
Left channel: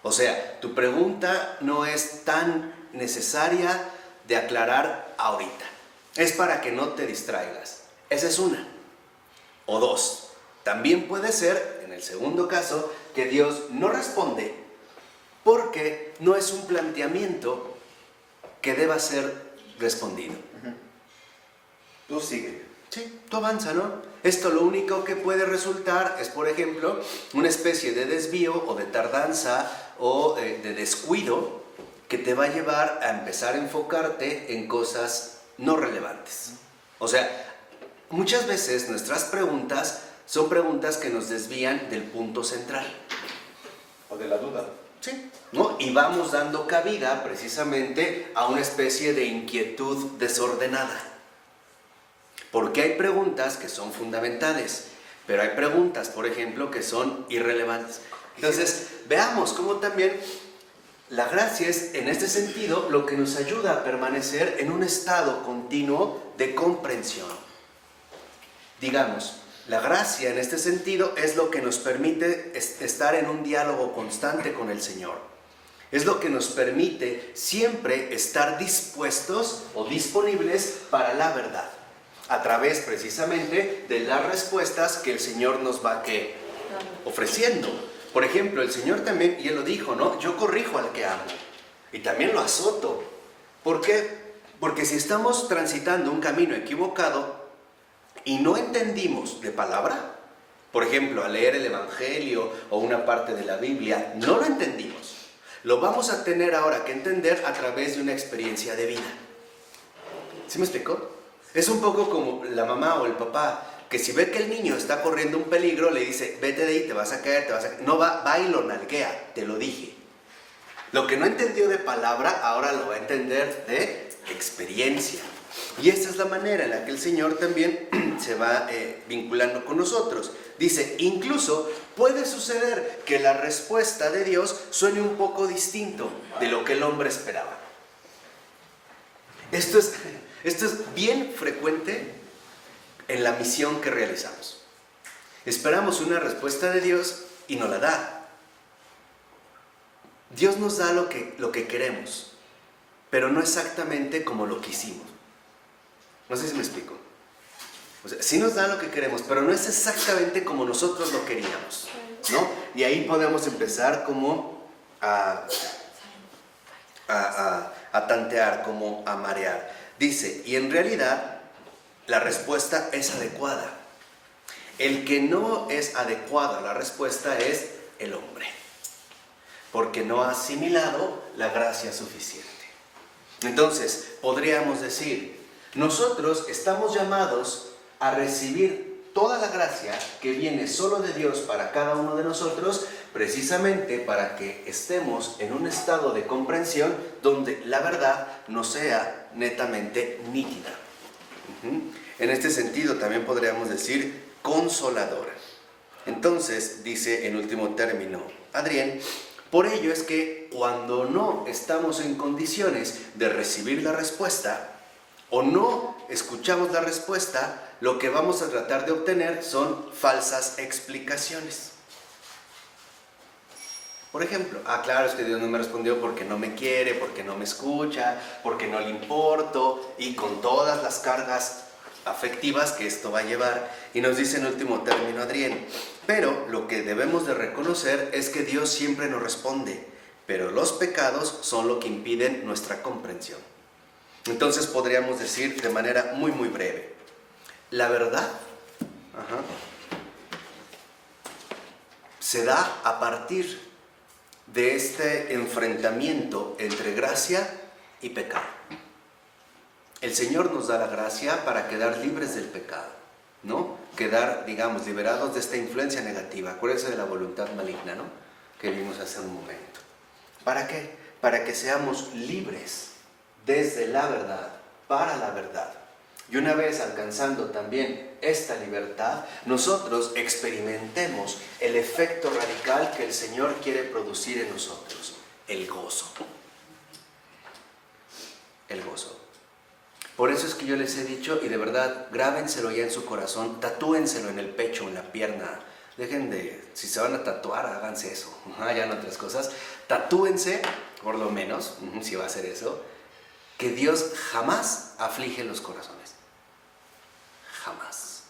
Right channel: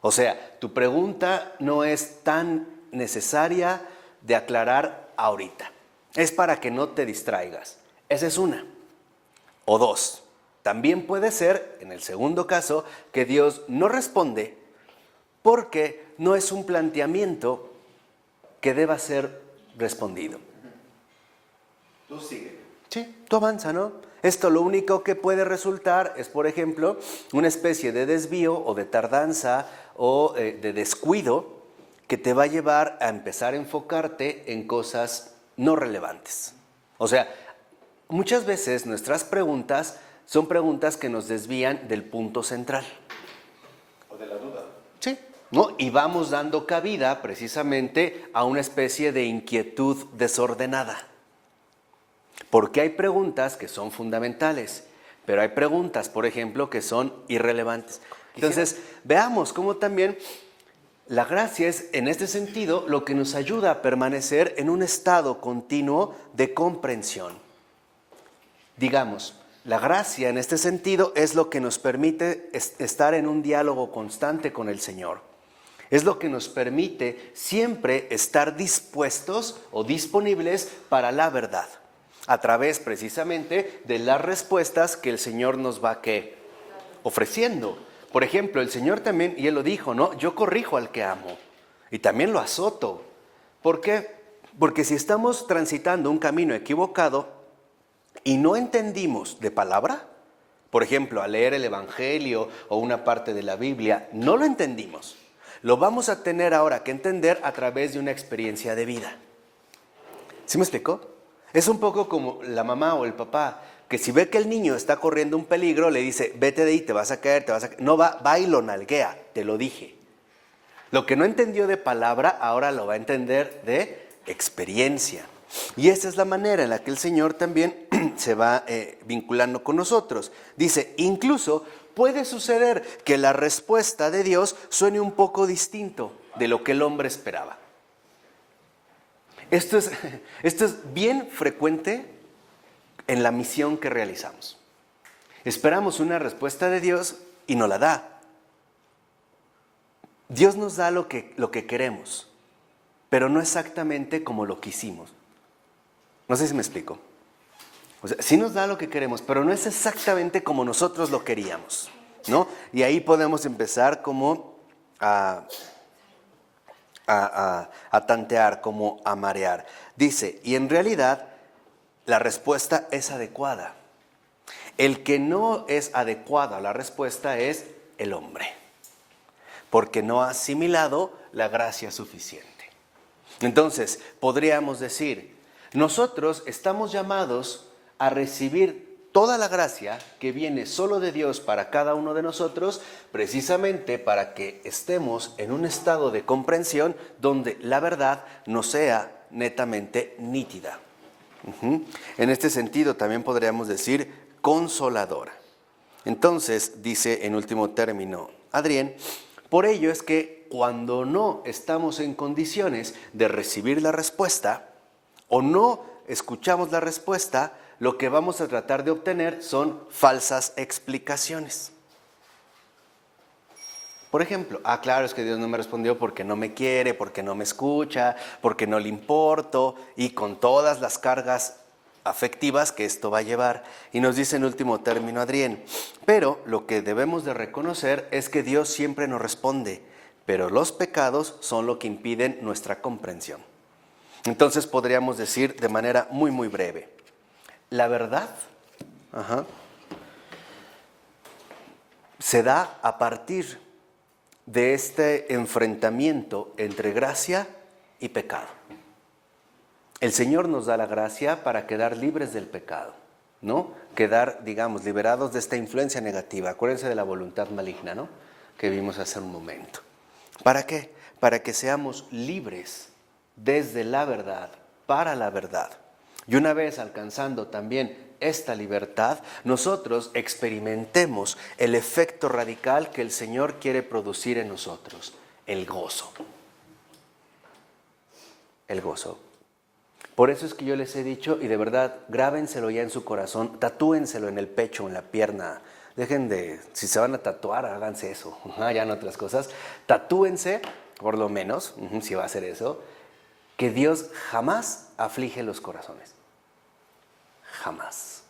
O sea, tu pregunta no es tan necesaria de aclarar ahorita. Es para que no te distraigas. Esa es una. O dos, también puede ser, en el segundo caso, que Dios no responde porque no es un planteamiento que deba ser respondido. Tú sigue. Sí, tú avanza, ¿no? Esto lo único que puede resultar es, por ejemplo, una especie de desvío o de tardanza o de descuido que te va a llevar a empezar a enfocarte en cosas no relevantes. O sea, muchas veces nuestras preguntas son preguntas que nos desvían del punto central. O de la duda. Sí, ¿no? Y vamos dando cabida precisamente a una especie de inquietud desordenada. Porque hay preguntas que son fundamentales, pero hay preguntas, por ejemplo, que son irrelevantes. Entonces, veamos cómo también la gracia es, en este sentido, lo que nos ayuda a permanecer en un estado continuo de comprensión. Digamos, la gracia en este sentido es lo que nos permite estar en un diálogo constante con el Señor. Es lo que nos permite siempre estar dispuestos o disponibles para la verdad, a través precisamente de las respuestas que el Señor nos va ofreciendo. Por ejemplo, el Señor también, y Él lo dijo, ¿no? Yo corrijo al que amo y también lo azoto. ¿Por qué? Porque si estamos transitando un camino equivocado y no entendimos de palabra, por ejemplo, al leer el Evangelio o una parte de la Biblia, no lo entendimos. Lo vamos a tener ahora que entender a través de una experiencia de vida. ¿Sí me explicó? Es un poco como la mamá o el papá, que si ve que el niño está corriendo un peligro, le dice, vete de ahí, te vas a caer, No, va y lo nalguea, te lo dije. Lo que no entendió de palabra, ahora lo va a entender de experiencia. Y esta es la manera en la que el Señor también se va vinculando con nosotros. Dice, incluso puede suceder que la respuesta de Dios suene un poco distinto de lo que el hombre esperaba. Esto es bien frecuente en la misión que realizamos. Esperamos una respuesta de Dios y no la da. Dios nos da lo que queremos, pero no exactamente como lo quisimos. No sé si me explico. O sea, sí nos da lo que queremos, pero no es exactamente como nosotros lo queríamos, ¿no? Y ahí podemos empezar como a tantear, como a marear. Dice, y en realidad la respuesta es adecuada. El que no es adecuado a la respuesta es el hombre, porque no ha asimilado la gracia suficiente. Entonces, podríamos decir, nosotros estamos llamados a recibir toda la gracia que viene solo de Dios para cada uno de nosotros, precisamente para que estemos en un estado de comprensión donde la verdad no sea netamente nítida. En este sentido también podríamos decir consoladora. Entonces, dice en último término Adrián, por ello es que cuando no estamos en condiciones de recibir la respuesta o no escuchamos la respuesta, lo que vamos a tratar de obtener son falsas explicaciones. Por ejemplo, claro, es que Dios no me respondió porque no me quiere, porque no me escucha, porque no le importo, y con todas las cargas afectivas que esto va a llevar. Y nos dice en último término Adrián, pero lo que debemos de reconocer es que Dios siempre nos responde, pero los pecados son lo que impiden nuestra comprensión. Entonces podríamos decir de manera muy muy breve, la verdad se da a partir de este enfrentamiento entre gracia y pecado. El Señor nos da la gracia para quedar libres del pecado, ¿no? Quedar, digamos, liberados de esta influencia negativa. Acuérdense de la voluntad maligna, ¿no? Que vimos hace un momento. ¿Para qué? Para que seamos libres desde la verdad, para la verdad. Y una vez alcanzando también esta libertad, nosotros experimentemos el efecto radical que el Señor quiere producir en nosotros, el gozo. El gozo. Por eso es que yo les he dicho, y de verdad, grábenselo ya en su corazón, tatúenselo en el pecho, en la pierna. Dejen de, si se van a tatuar, háganse eso, ya no otras cosas. Tatúense, por lo menos, si va a hacer eso, que Dios jamás aflige los corazones. Jamás.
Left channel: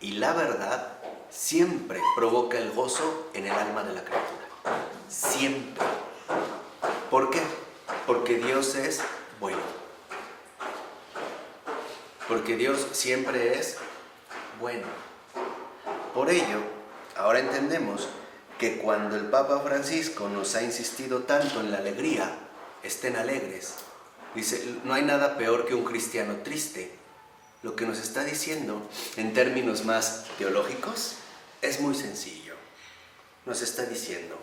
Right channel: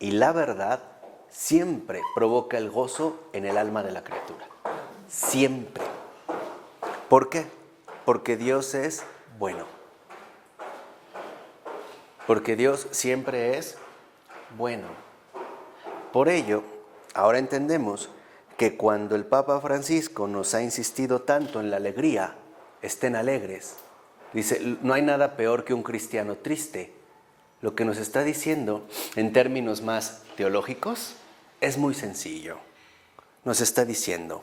Y la verdad siempre provoca el gozo en el alma de la criatura. Siempre. ¿Por qué? Porque Dios es bueno. porque Dios siempre es bueno. Por ello, ahora entendemos que cuando el Papa Francisco nos ha insistido tanto en la alegría, estén alegres. Dice, no hay nada peor que un cristiano triste. Lo que nos está diciendo, en términos más teológicos, es muy sencillo. Nos está diciendo,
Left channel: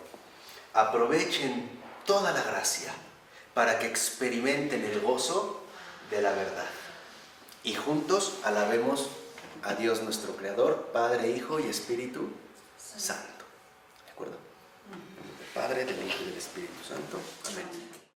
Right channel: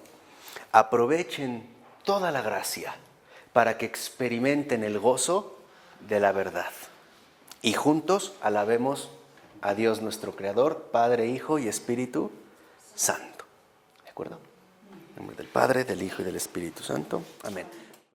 aprovechen toda la gracia para que experimenten el gozo de la verdad. Y juntos alabemos a Dios nuestro Creador, Padre, Hijo y Espíritu Santo. ¿De acuerdo? En nombre del Padre, del Hijo y del Espíritu Santo. Amén.